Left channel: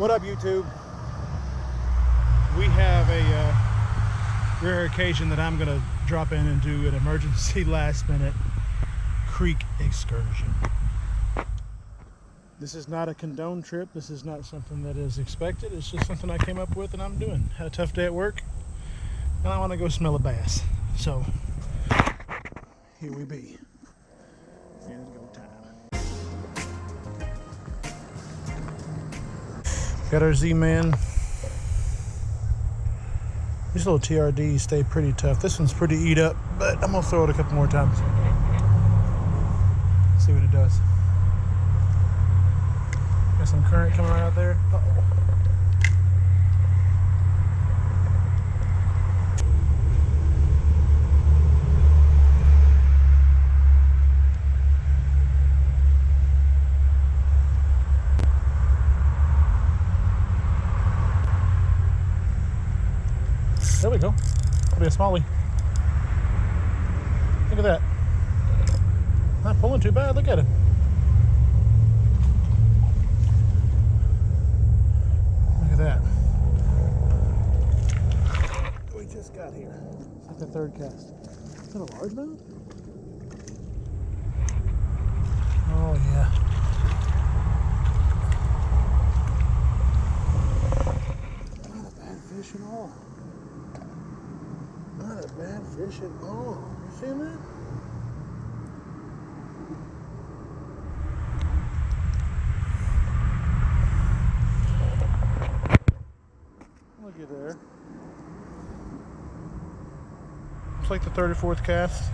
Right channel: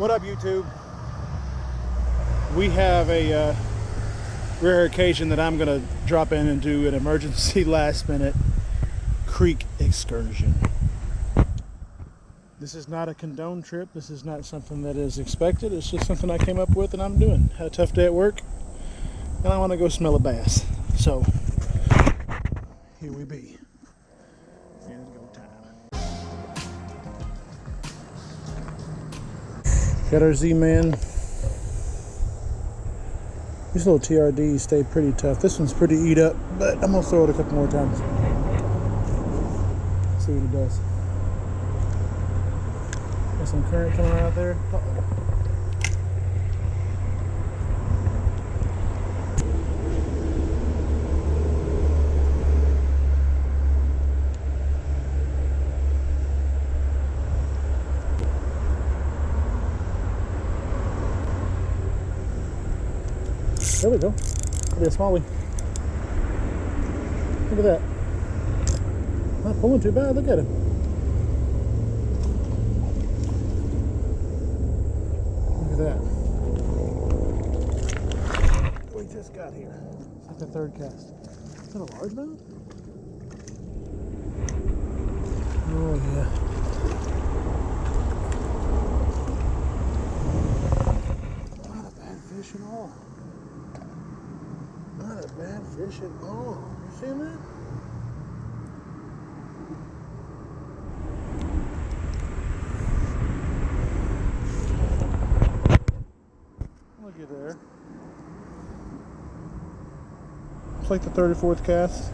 What up, YouTube? We have a rare occasion that I'm gonna drop in and do an emergency last minute creek excursion. This is not a condoned trip. This is not something that is expected. It's just something I came up with and I'm doing. Had a tough day at work and I want to go smell a bass. So here we be. And go time. Got our Z-Man. These little TRDs stay pretty tough. This one's pretty eat up, but I'm gonna throw it a couple more times. See what it does. Got some current coming right out there. Uh-oh. There we go. That'll be a smallie. Look at that. Not pulling too bad. Look at him. Look at that. We just got here. It's like the third cast. Is that a largemouth? Oh yeah. Not a bad fish at all. Not a bad fish at all. You see that? Looky there. It's like the 34th cast.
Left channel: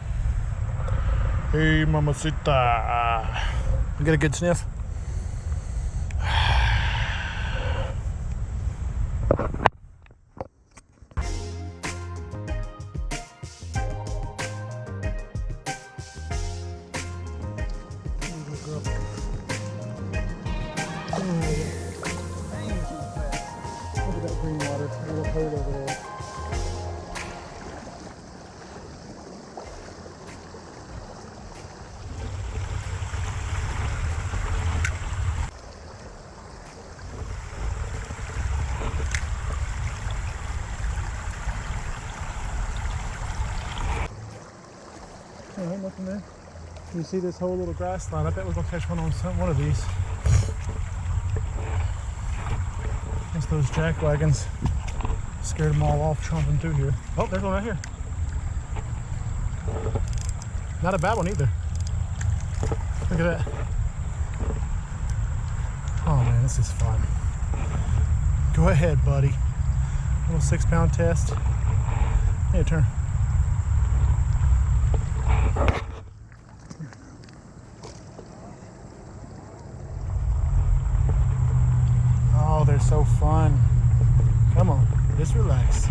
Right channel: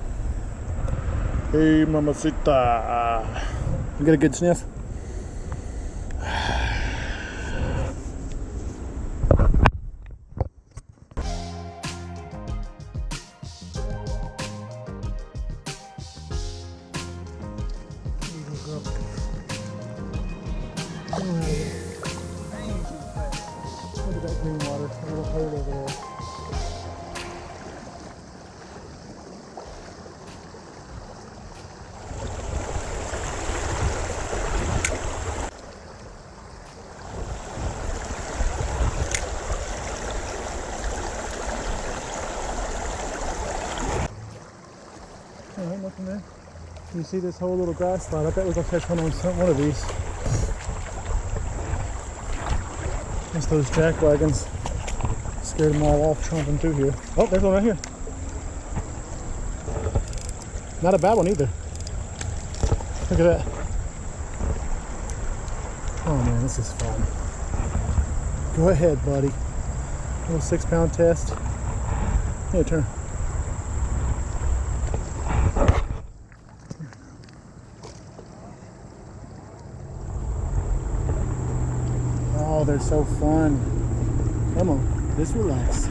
Hey, mamacita. You get a good sniff? Look at that green water, a little hole over there. Alright, nothing there. You see this whole little grass line? I bet we're gonna catch one on one of these. That's those jack wagons. Scared them all off tromping through here. Oh, there's one right here. Not a bad one either. Look at that. Oh man, this is fun. Go ahead, buddy. Little 6-pound test. Hey, turn. Oh, they're so fun. Come on, just relax.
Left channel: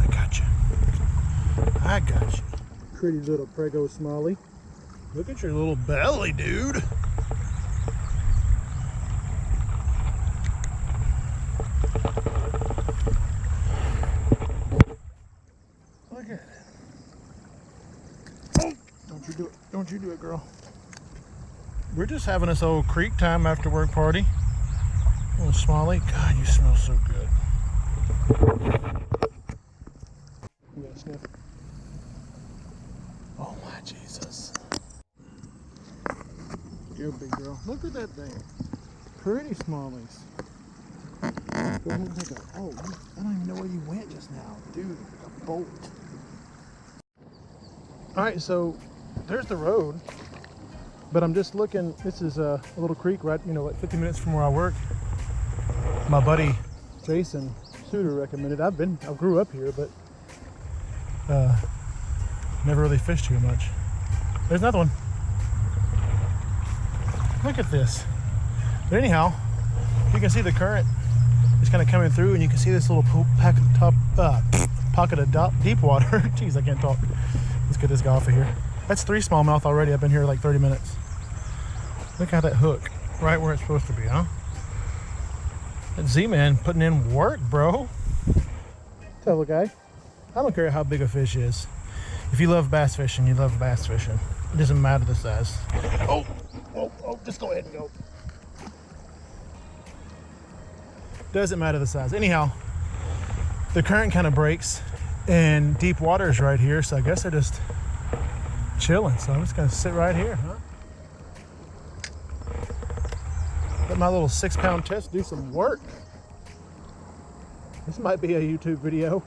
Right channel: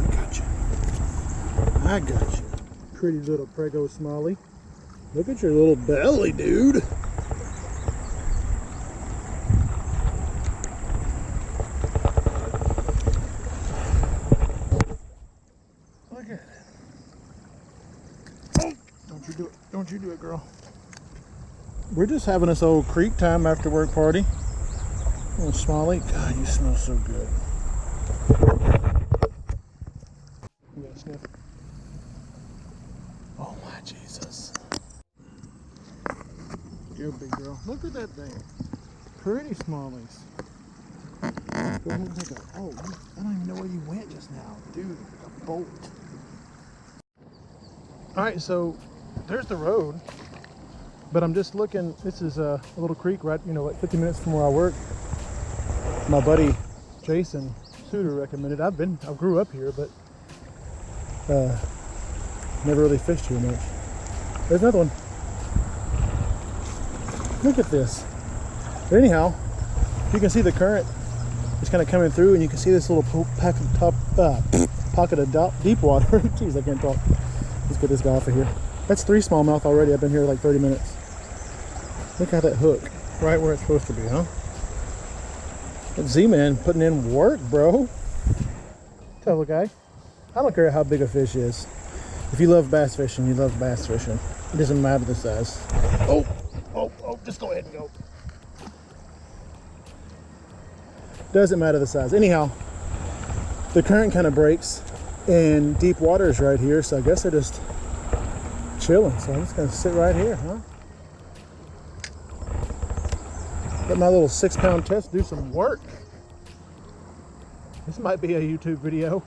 I got you. I got you. Pretty little prego smallie. Look at your little belly, dude. Look at it. Oh, don't you do it. Don't you do it, girl. We're just having this old creek time after work party. Little smallie. God, you smell so good. You got a sniff? Oh my Jesus. Good big girl. Look at that thing. Pretty smallies. Oh, I don't even know where you went just now. Dude, a bolt. Alright, so there's the road. But I'm just looking, this is a little creek right, like 50 minutes from where I work. My buddy Jason Suter recommended. I grew up here, but never really fished here much. There's another one. Look at this. But anyhow, you can see the current is kind of coming through, and you can see this little pocket of deep water. Jeez, I can't talk. Let's get this guy off of here. That's 3 smallmouth already. I've been here like 30 minutes. Look at that hook, right where it's supposed to be, huh? That Z-Man putting in work, bro. Tell the guy, I don't care how big a fish is. If you love bass fishing, you love bass fishing. It doesn't matter the size. Oh, just go ahead and go. Doesn't matter the size. Anyhow, the current kind of breaks and deep water is right here, so I guess they're just chilling. So I'm just gonna sit right here, huh? Let my little 6-pound test do some work. This might be a YouTube video.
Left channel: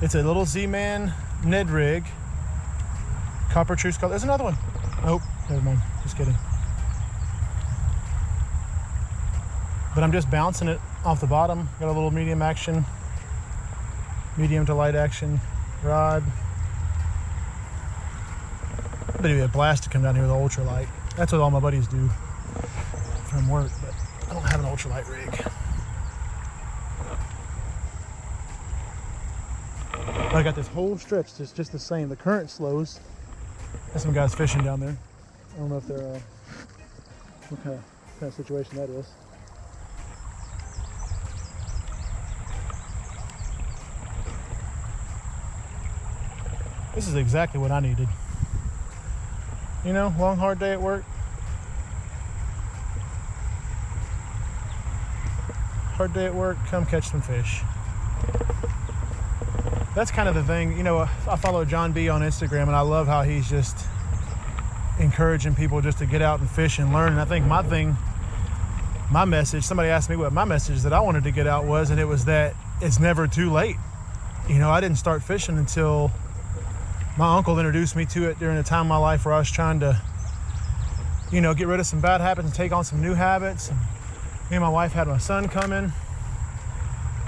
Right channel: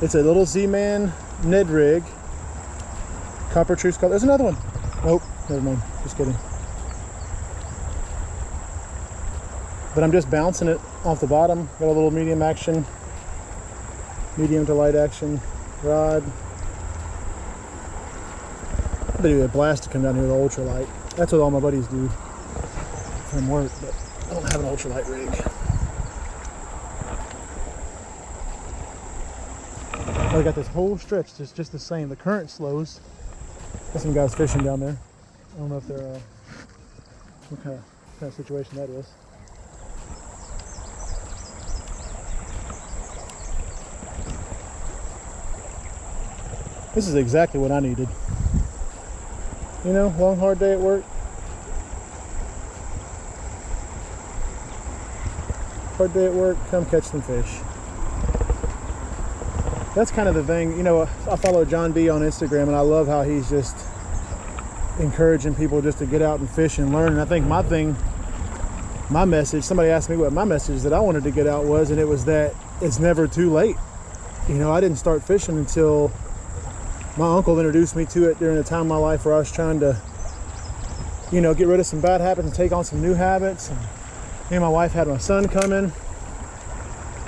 It's a little Z-Man Ned Rig, copper truce color. There's another one. Nope, never mind, just kidding. But I'm just bouncing it off the bottom. Got a little medium action, medium to light action rod. But it'd be a blast to come down here with an ultralight. That's what all my buddies do from work, but I don't have an ultralight rig. But I got this whole stretch that's just the same. The current slows. There's some guys fishing down there. I don't know if they're what kind of situation that is. This is exactly what I needed. You know, long hard day at work. Hard day at work, come catch some fish. That's kind of the thing. You know, I follow John B on Instagram and I love how he's just encouraging people just to get out and fish and learn. And I think my message, somebody asked me what my message that I wanted to get out was, and it was that it's never too late. You know, I didn't start fishing until my uncle introduced me to it during a time in my life where I was trying to, you know, get rid of some bad habits and take on some new habits. And me and my wife had my son coming,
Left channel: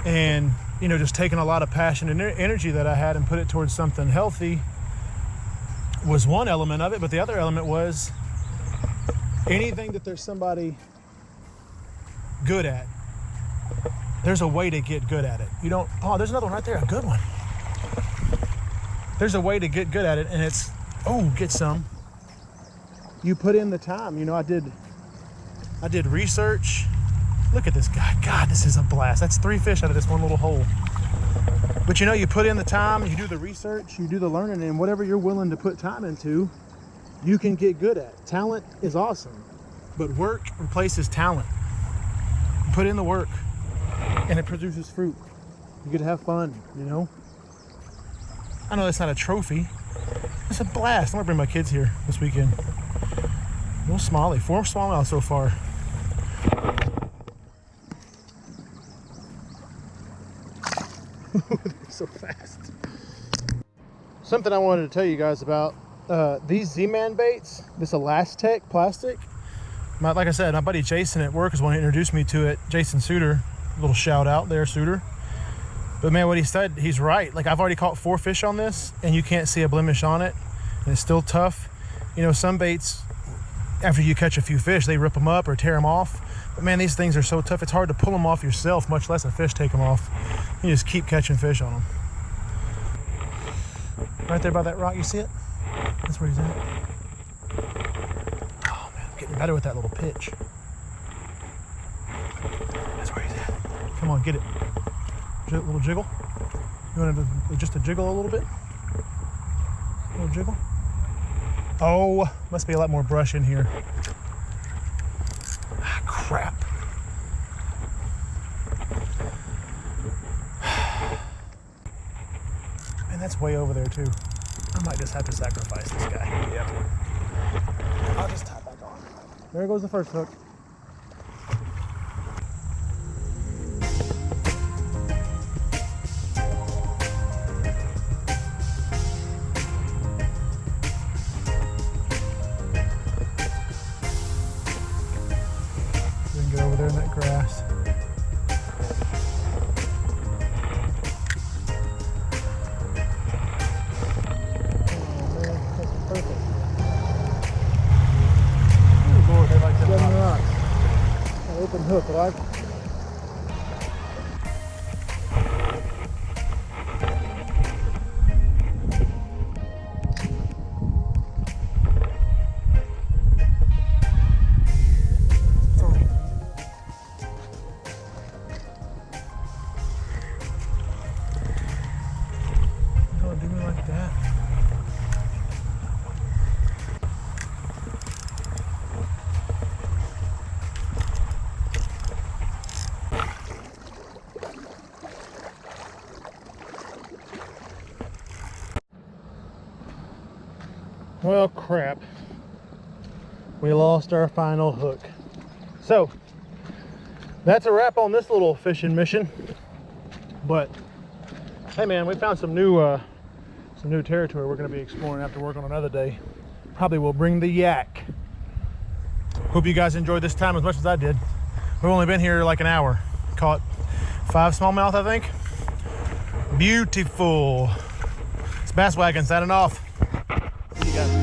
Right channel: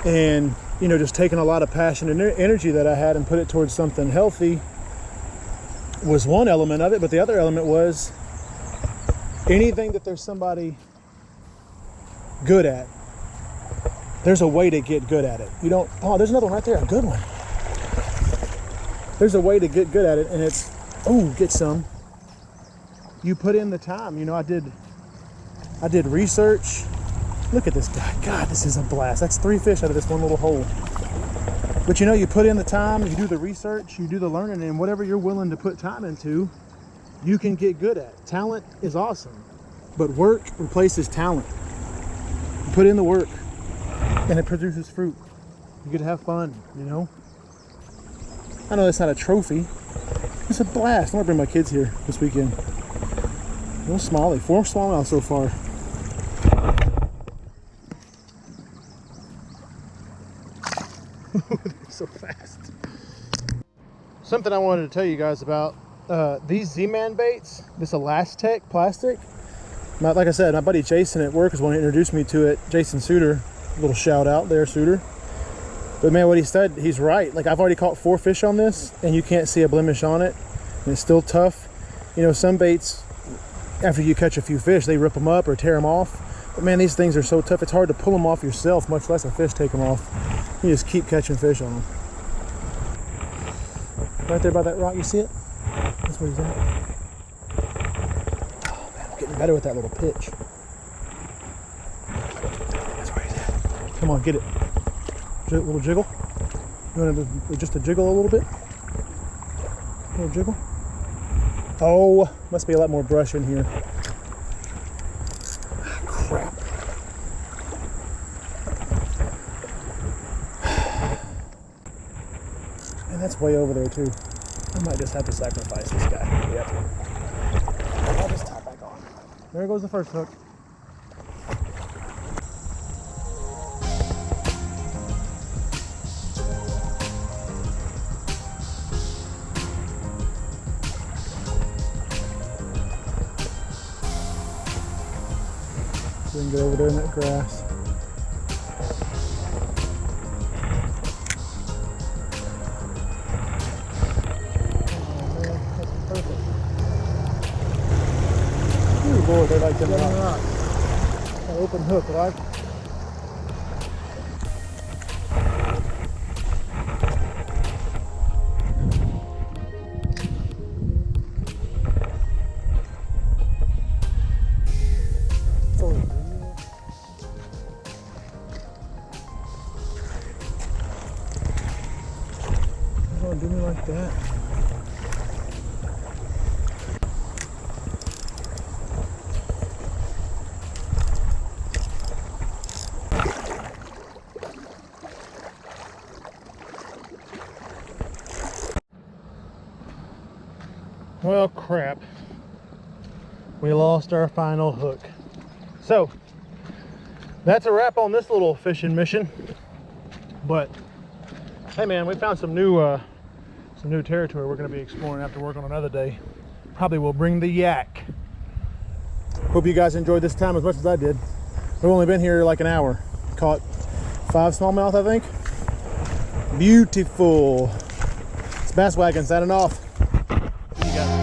and, you know, just taking a lot of passion and energy that I had and put it towards something healthy was one element of it. But the other element was anything that there's somebody good at, there's a way to get good at it. You don't, oh, there's another one right there, a good one. There's a way to get good at it, and it's, oh, get some. You put in the time. You know, I did research. Look at this guy. God, this is a blast. That's 3 fish out of this one little hole. But you know, you put in the time, you do the research, you do the learning, and whatever you're willing to put time into, you can get good at. Talent is awesome, but work replaces talent. You put in the work, and it produces fruit. You get to have fun, you know? I know it's not a trophy. It's a blast. I'm gonna bring my kids here this weekend. Little smallie, 4 smallmouth so far. They're so fast. Something I wanted to tell you guys about these Z-Man baits. This Elastec plastic. Like I said, my buddy Jason at work is one who introduced me to it. Jason Suter, little shout out there, Suter. But man, what he said, he's right. Like, I've already caught 4 fish on this, and you can't see a blemish on it, and it's still tough. You know, some baits, after you catch a few fish, they rip them up or tear them off. But man, these things are so tough, it's hard to pull them off yourself, much less a fish take them off. You just keep catching fish on them. Right there by that rock, you see it? That's where he's at. Oh man, I'm getting better with that little pitch. That's where he's at. Come on, get it. A little jiggle. You want to just a jiggle a little bit? A little jiggle. Oh, must be a lot more brush in here. Ah, crap. And that's way over there too. I might just have to sacrifice this guy. Yep. I'll just tie back on. There goes the first hook. So we can get over there in that grass. Lord, they like them rocks. An open hook, right? You're gonna do me like that? Well, crap. We lost our final hook. So, that's a wrap on this little fishing mission. But, hey man, we found some new territory we're going to be exploring after work on another day. Probably will bring the yak. Hope you guys enjoyed this time as much as I did. We've only been here like an hour. Caught 5 smallmouth, I think. Beautiful. It's Bass Wagon signing off. See you guys.